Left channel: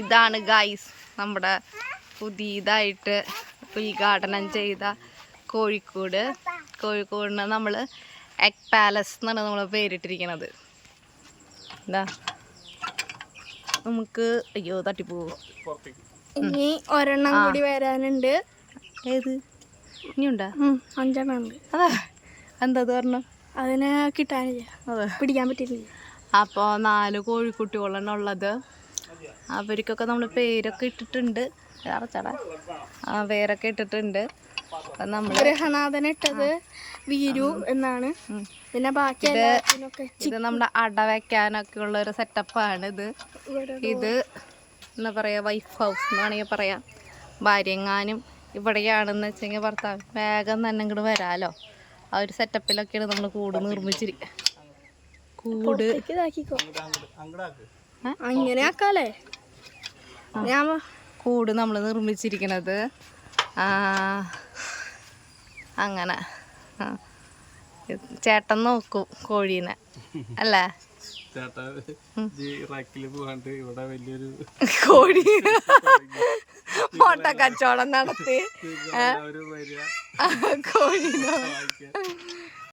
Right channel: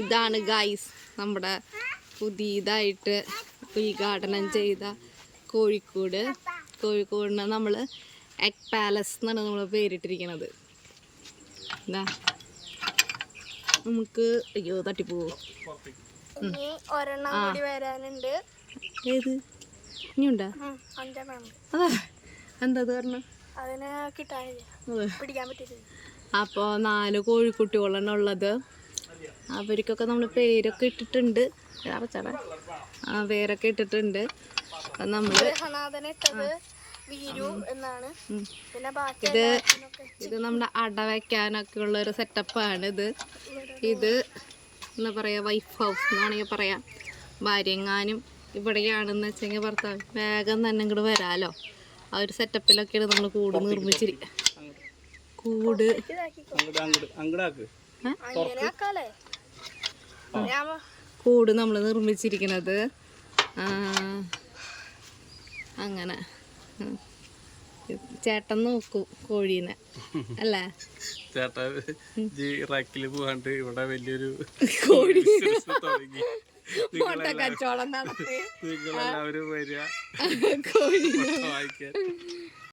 ഇതാണ് ഗൈസ് നമ്മുടെ പുതിയതായിട്ട് ഉദ്ഘാടനം ചെയ്ത കോഴിക്കോടിന് നമ്മൾ എഗ് പാലസ് എന്നാണ് നമ്മൾ പേരിട്ടിരിക്കുന്നത്. എന്താ നമുക്ക് അയ്യോ തട്ടിപ്പോവോ, ഇനി ഒരെണ്ണം കൂടി വരാനുണ്ട്. ഏത് ഇനിയുണ്ടാ? 5 ഉണ്ട്. അതാ എന്താ പറഞ്ഞു, അതിനെ കിട്ടാനില്ല, അതെ പിടിക്കാൻ പറ്റില്ല. അപ്പോൾ 4 കോഴിക്കുട്ടികളാണ് ഉള്ളത്. അവർക്കൊക്കെ നമ്മൾ പേരൊക്കെ ഇട്ടിട്ടുണ്ട്, പേരൊക്കെ ഇട്ടിട്ടുണ്ട്. അപ്പം നമ്മൾ ഇട്ടത് വീരു എന്നാണ്. പിന്നെ ബാക്കി ഇത് നമ്മുടെ അട വയ്ക്കാനൊക്കെ ഉള്ള ഒരു സെറ്റപ്പാണ്. ഇത് എന്താ പറയുക, വൈഫ് ഹൗസ് എന്ന് വേണമെങ്കിൽ പറയാം. ഭാര്യങ്ങാനും ഇവിടെയാണെന്ന് വെച്ചെങ്കിൽ ഭർത്താവ് വേഗം തന്നെ ഇങ്ങോട്ട് വരാമല്ലോ. ആ ഒരു സെറ്റപ്പിലൊക്കെയാണ് നമ്മൾ കൂട് നിർമ്മിച്ചിരിക്കുക. കൂട് നമ്മൾ നിർമ്മിച്ചിരിക്കുന്നത് അങ്ങനെ. ചേട്ടൻ നോക്കും കോഴീനെ അല്ലേ? ഇവിടെ വലിയൊരു കോഴി മുട്ട കച്ചവടം നടത്തി വരിക കോഴി